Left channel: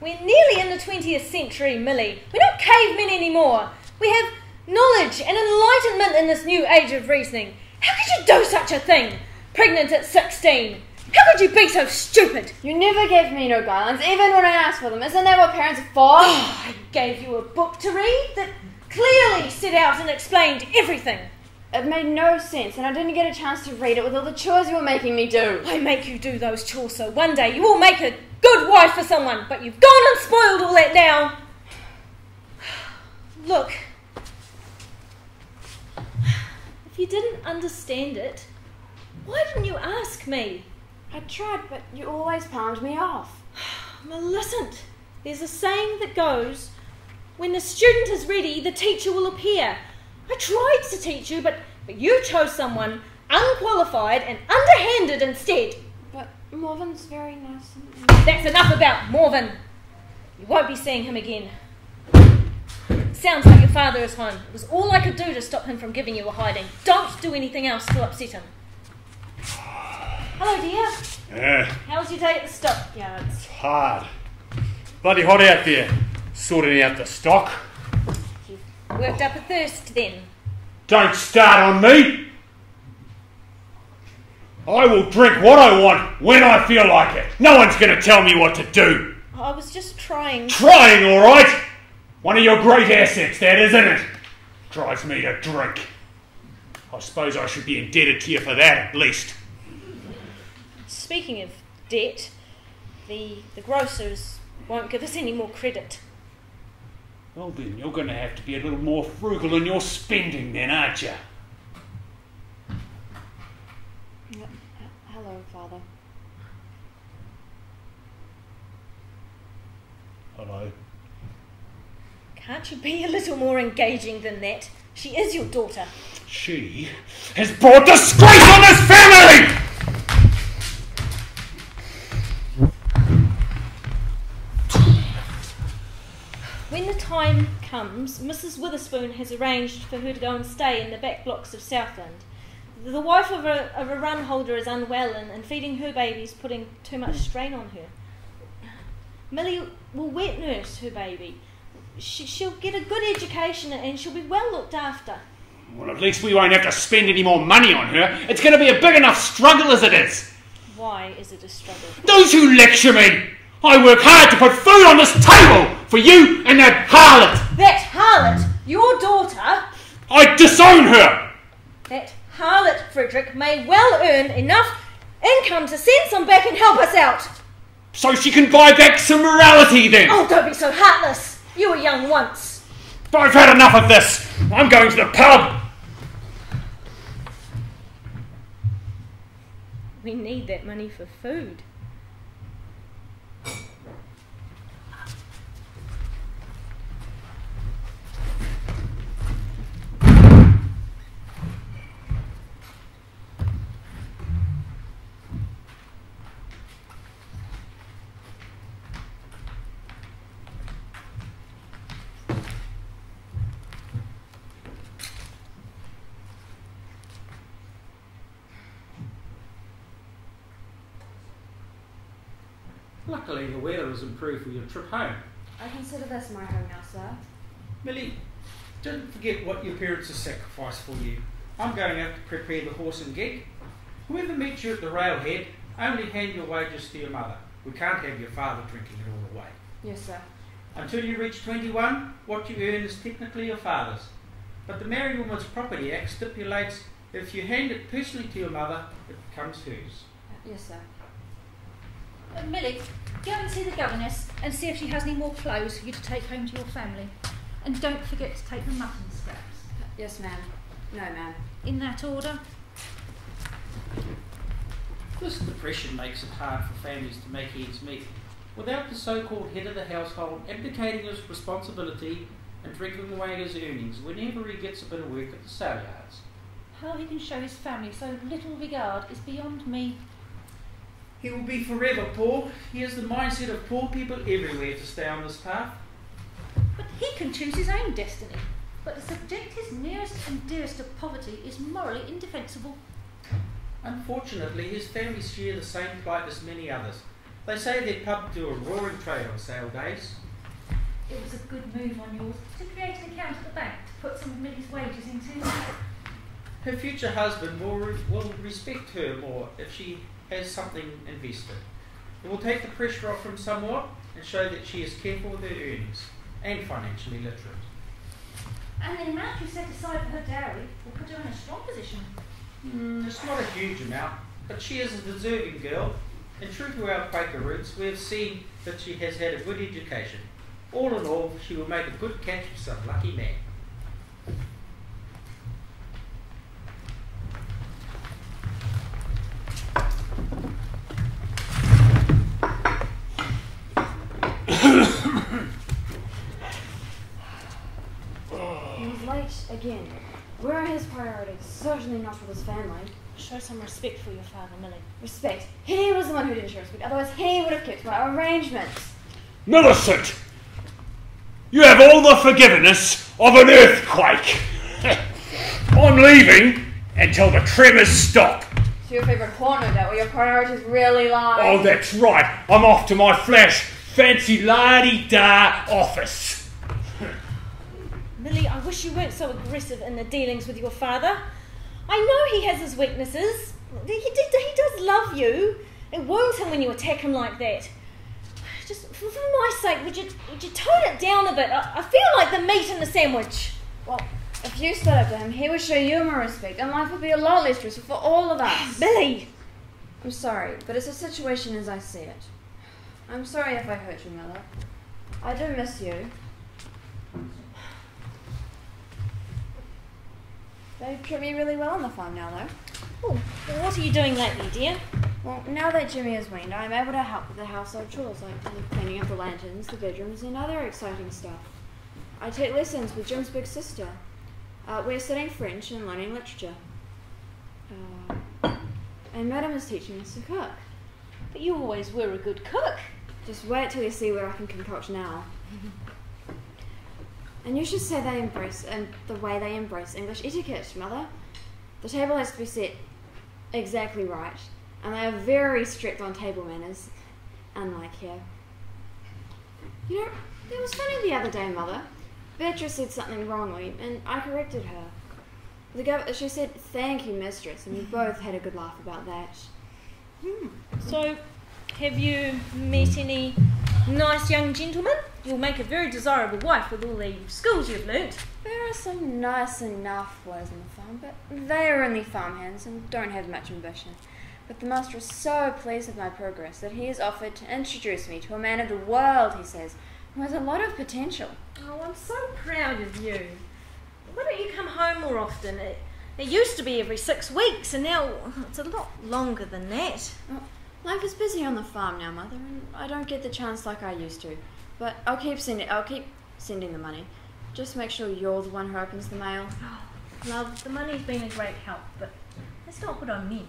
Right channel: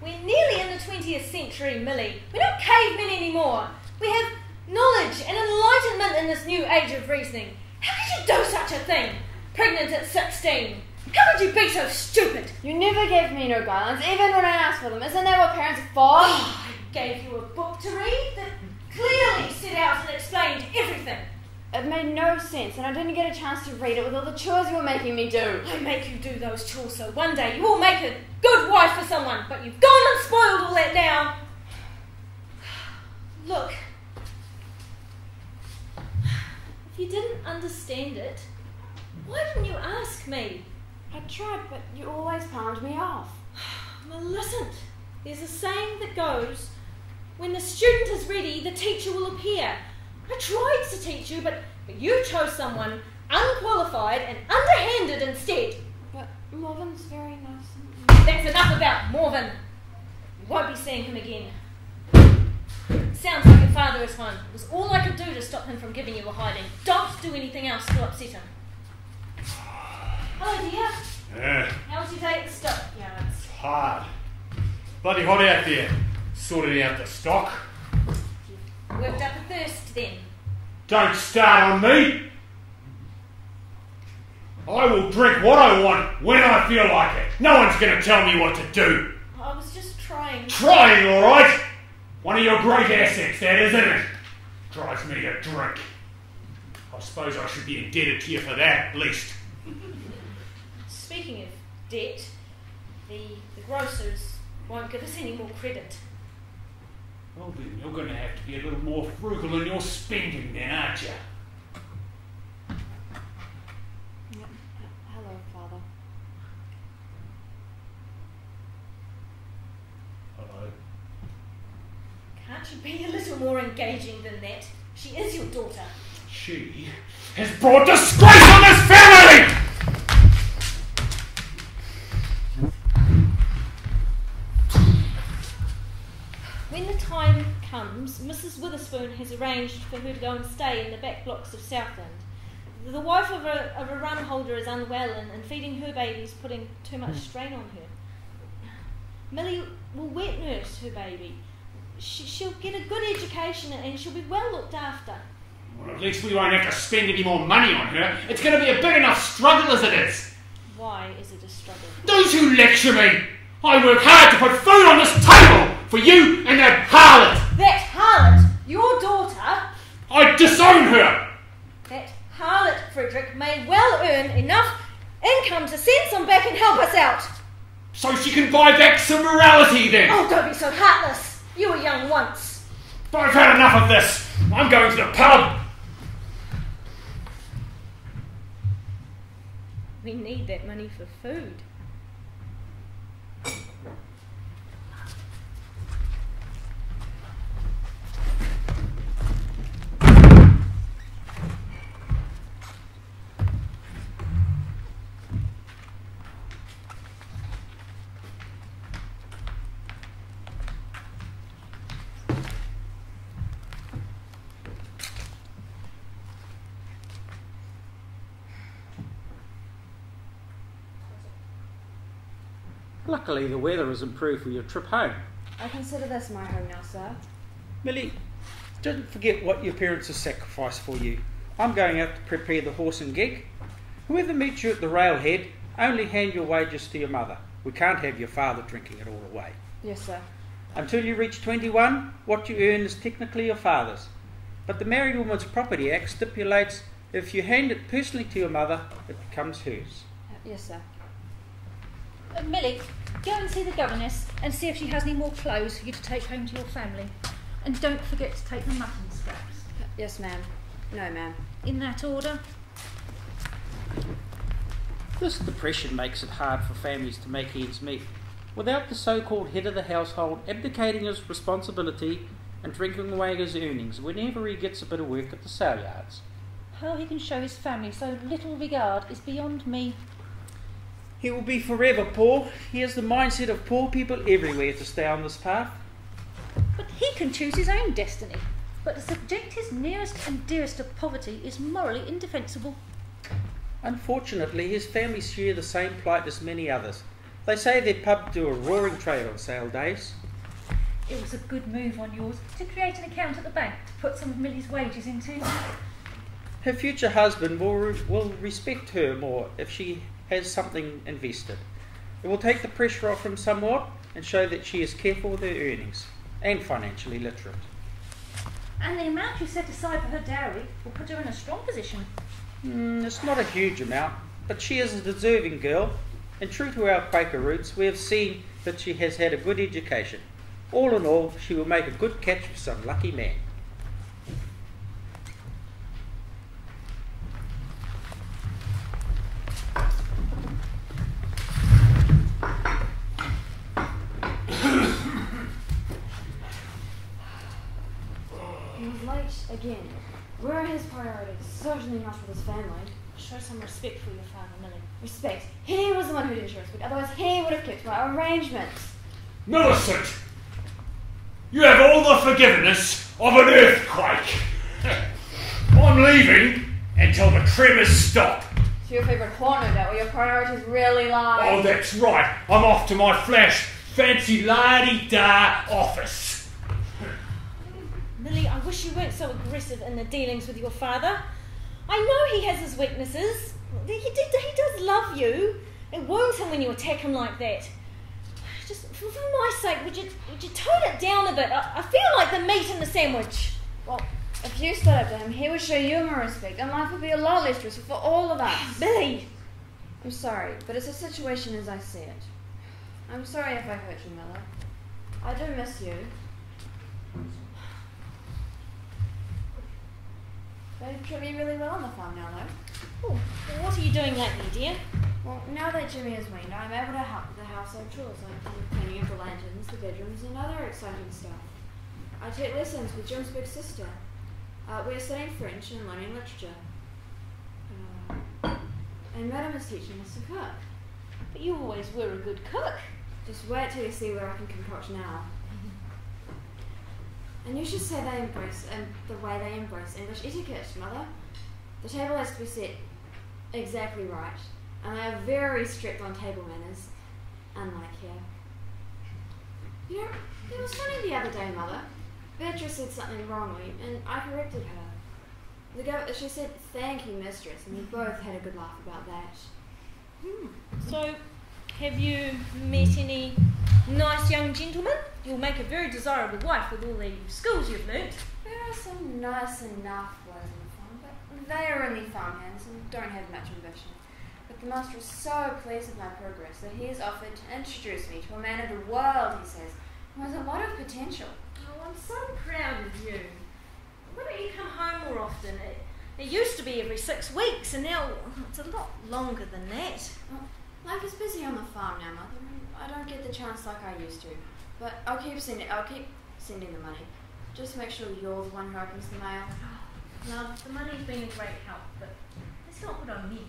We're nearly in the 20th century, Millie. We're not cavemen anymore. We have knowledge and enlightenment in this new age of reasoning. How could you do such a thing? Pregnant at 16. How could you be so stupid? You never gave me no guidelines, even when I asked for them. Isn't that what parents are for? Oh, I gave you a book to read that clearly set out and explained everything. It made no sense, and I didn't get a chance to read it with all the chores you were making me do. I make you do those chores so one day you will make a good wife for someone, but you've gone and spoiled all that now. Look, if you didn't understand it, why didn't you ask me? I tried, but you always palmed me off. Millicent, there's a saying that goes, when the student is ready, the teacher will appear. I tried to teach you, but you chose someone unqualified and underhanded instead. But Morven's very nice. That's enough about Morven. You won't be seeing him again. Sounds like your father is home. It was all I could do to stop him from giving you a hiding. Don't do anything else to upset him. Hello, dear. Yeah. How was your day at the stockyards? It's hard. Bloody hot out there, sorting out the stock. You've worked up a thirst then. Don't start on me. I will drink what I want when I feel like it. No one's going to tell me what to do. I was just trying. Trying, all right? One of your great assets, that, isn't it? Drives me to drink. I suppose I should be indebted to you for that, at least. Speaking of debt, the grocers won't give us any more credit. Well then, you're going to have to be a little more frugal in your spending then, aren't you? Hello, Father. Hello. Can't you be a little more engaging than that? She is your daughter. She has brought disgrace on this family! When the time comes, Mrs. Witherspoon has arranged for her to go and stay in the back blocks of Southland. The wife of a run holder is unwell and feeding her baby is putting too much strain on her. Millie will wet nurse her baby. She'll get a good education and she'll be well looked after. Well, at least we won't have to spend any more money on her. It's going to be a big enough struggle as it is. Why is it a struggle? Those who lecture me! I work hard to put food on this table for you and that harlot! That harlot, your daughter? I disown her! That harlot, Frederick, may well earn enough income to send some back and help us out. So she can buy back some morality then! Oh, don't be so heartless. You were young once. I've had enough of this. I'm going to the pub. We need that money for food. Luckily, the weather has improved for your trip home. I consider this my home now, sir. Millie, don't forget what your parents have sacrificed for you. I'm going out to prepare the horse and gig. Whoever meets you at the railhead, only hand your wages to your mother. We can't have your father drinking it all away. Yes, sir. Until you reach 21, what you earn is technically your father's. But the Married Woman's Property Act stipulates that if you hand it personally to your mother, it becomes hers. Yes, sir. Millie, go and see the governess and see if she has any more clothes for you to take home to your family. And don't forget to take the mutton scraps. Yes, ma'am. No, ma'am. In that order. This depression makes it hard for families to make ends meet. Without the so-called head of the household abdicating his responsibility and drinking away his earnings whenever he gets a bit of work at the sale yards. How he can show his family so little regard is beyond me. He will be forever poor. He has the mindset of poor people everywhere to stay on this path. But he can choose his own destiny. But to subject his nearest and dearest to poverty is morally indefensible. Unfortunately, his family share the same plight as many others. They say their pub do a roaring trade on sale days. It was a good move on yours to create an account at the bank to put some of Millie's wages into. Her future husband will respect her more if she has something invested. It will take the pressure off him somewhat and show that she is careful with her earnings and financially literate. And the amount you set aside for her dowry will put her in a strong position. It's not a huge amount, but she is a deserving girl, and true to our Quaker roots, we have seen that she has had a good education. All in all, she will make a good catch for some lucky man. He was late again. Where are his priorities? Certainly not with his family. Show some respect for your father, Millie. Respect. He was the one who didn't show respect. Otherwise, he would have kept my arrangements. Millicent! You have all the forgiveness of an earthquake. I'm leaving until the tremors stop. It's your favourite haunt, no doubt, where your priorities really lie. Oh, that's right. I'm off to my flash fancy la-di-da office. Millie, I wish you weren't so aggressive in the dealings with your father. I know he has his weaknesses. He does love you. It wounds him when you attack him like that. Just for my sake, would you tone it down a bit? I feel like the meat in the sandwich. Well, if you stood up to him, he would show you more respect, and life would be a lot less stressful for all of us. Millie! I'm sorry, but it's a situation as I see it. I'm sorry if I hurt you, Miller. I do miss you. They treat me really well on the farm now, though. Oh, well, what are you doing lately, dear? Well, now that Jimmy is weaned, I'm able to help with the household chores, like the cleaning of the lanterns, the bedrooms, and other exciting stuff. I take lessons with Jim's big sister. We're studying French and learning literature. And Madam is teaching us to cook. But you always were a good cook. Just wait till you see what I can concoct now. And you should say they embrace, and the way they embrace English etiquette, Mother. The table has to be set exactly right, and they are very strict on table manners, unlike here. You know, it was funny the other day, Mother. Beatrice said something wrongly, and I corrected her. She said, "Thank you, mistress," and we both had a good laugh about that. So, have you met any nice young gentlemen? You'll make a very desirable wife with all the skills you've learnt. There are some nice enough boys on the farm, but they are only farmhands and don't have much ambition. But the master is so pleased with my progress that he has offered to introduce me to a man of the world, he says, who has a lot of potential. Oh, I'm so proud of you. Why don't you come home more often? It used to be every 6 weeks, and now it's a lot longer than that. Well, life is busy on the farm now, Mother, and I don't get the chance like I used to. But I'll keep sending the money. Just make sure you're the one who opens the mail. Oh, love, the money's been a great help, but that's not what I meant.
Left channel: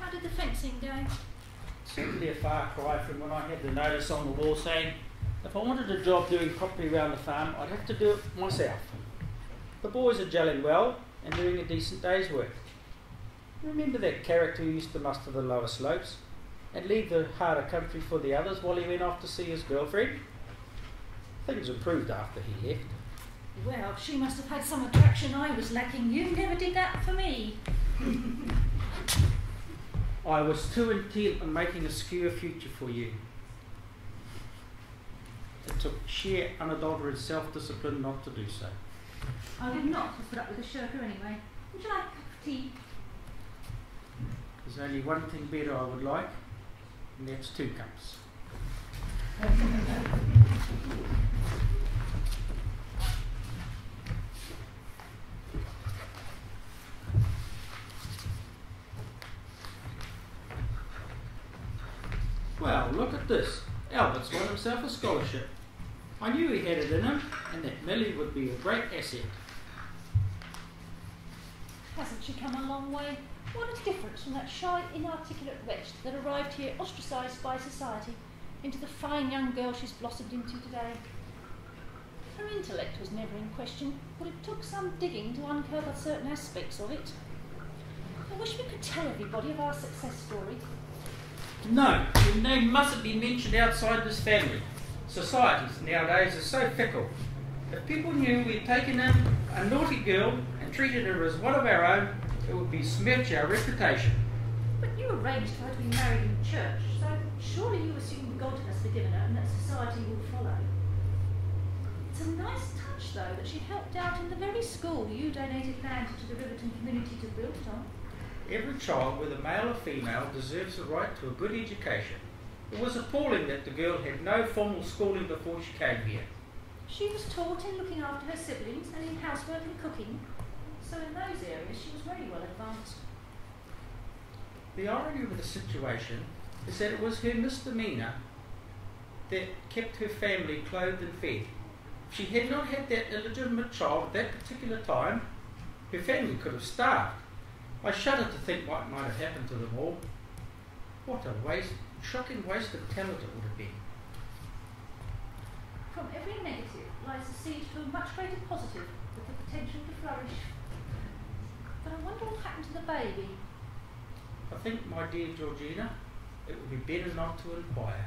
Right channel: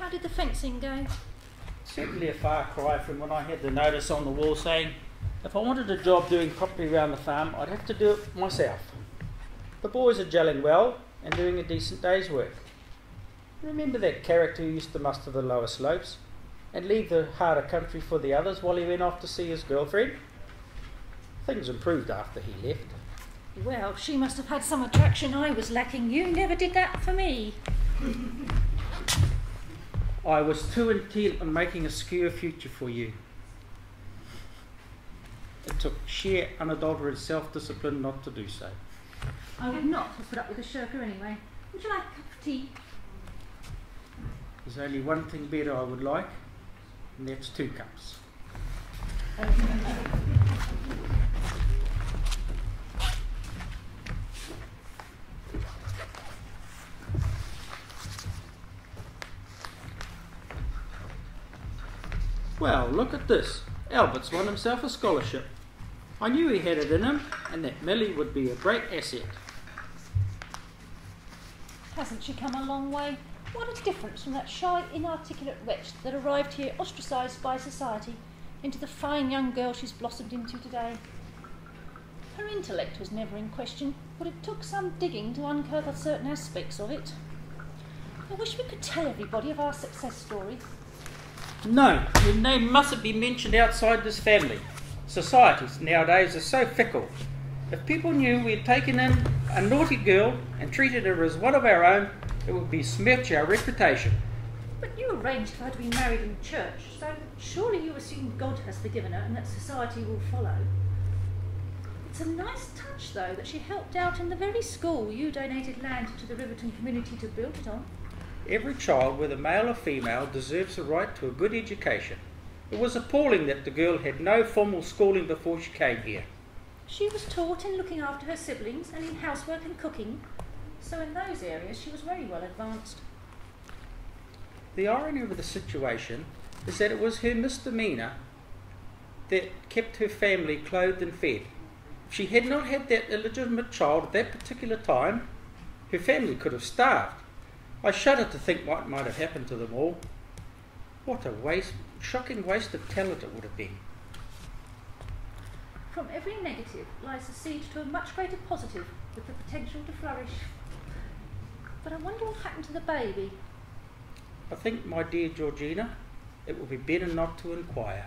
How did the fencing go? Certainly a far cry from when I had the notice on the wall saying if I wanted a job doing property around the farm, I'd have to do it myself. The boys are gelling well and doing a decent day's work. Remember that character who used to muster the lower slopes and leave the harder country for the others while he went off to see his girlfriend? Things improved after he left. Well, she must have had some attraction I was lacking. You never did that for me. I was too intent on making a secure future for you. It took sheer unadulterated self-discipline not to do so. I would not have put up with a shirker anyway. Would you like a cup of tea? There's only one thing better I would like, and that's 2 cups. Well, look at this. Albert's won himself a scholarship. I knew he had it in him, and that Millie would be a great asset. Hasn't she come a long way? What a difference from that shy, inarticulate wretch that arrived here ostracised by society into the fine young girl she's blossomed into today. Her intellect was never in question, but it took some digging to uncover certain aspects of it. I wish we could tell everybody of our success story. No, your name mustn't be mentioned outside this family. Societies nowadays are so fickle. If people knew we'd taken in a naughty girl and treated her as one of our own, it would besmirch our reputation. But you arranged for her to be married in church, so surely you assume God has forgiven her and that society will follow. It's a nice touch, though, that she helped out in the very school you donated land to the Riverton community to build it on. Every child, whether male or female, deserves the right to a good education. It was appalling that the girl had no formal schooling before she came here. She was taught in looking after her siblings and in housework and cooking, so in those areas she was very well advanced. The irony of the situation is that it was her misdemeanor that kept her family clothed and fed. If she had not had that illegitimate child at that particular time, her family could have starved. I shudder to think what might have happened to them all. What a shocking waste of talent it would have been. From every negative lies the seed to a much greater positive with the potential to flourish. But I wonder what happened to the baby. I think, my dear Georgina, it would be better not to inquire.